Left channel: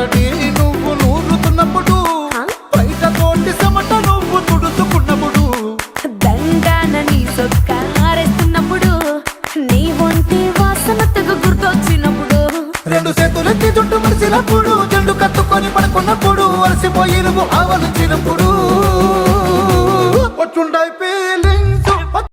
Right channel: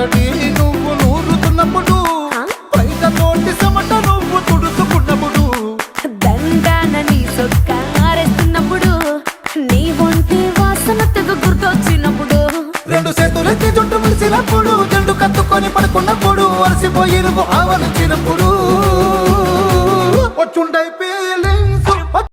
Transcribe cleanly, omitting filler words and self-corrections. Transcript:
అలసటి నువ్వు నూరుతున్నప్పుడు బయట తోటి చెమట నువ్వు తుడుచుకున్నప్పుడు దండాన నీ సొక్కారేస్తున్నప్పుడు నీ ఒంటి వాసన తెగ గుర్తొచ్చినప్పుడు రెండు చేతులెత్తి జుట్టు ముడిసినప్పుడు జండు కత్తుకొని పడుకున్నప్పుడు అలసిపోయి నువ్వు ఆవలించినప్పుడు వచ్చుండైపోయి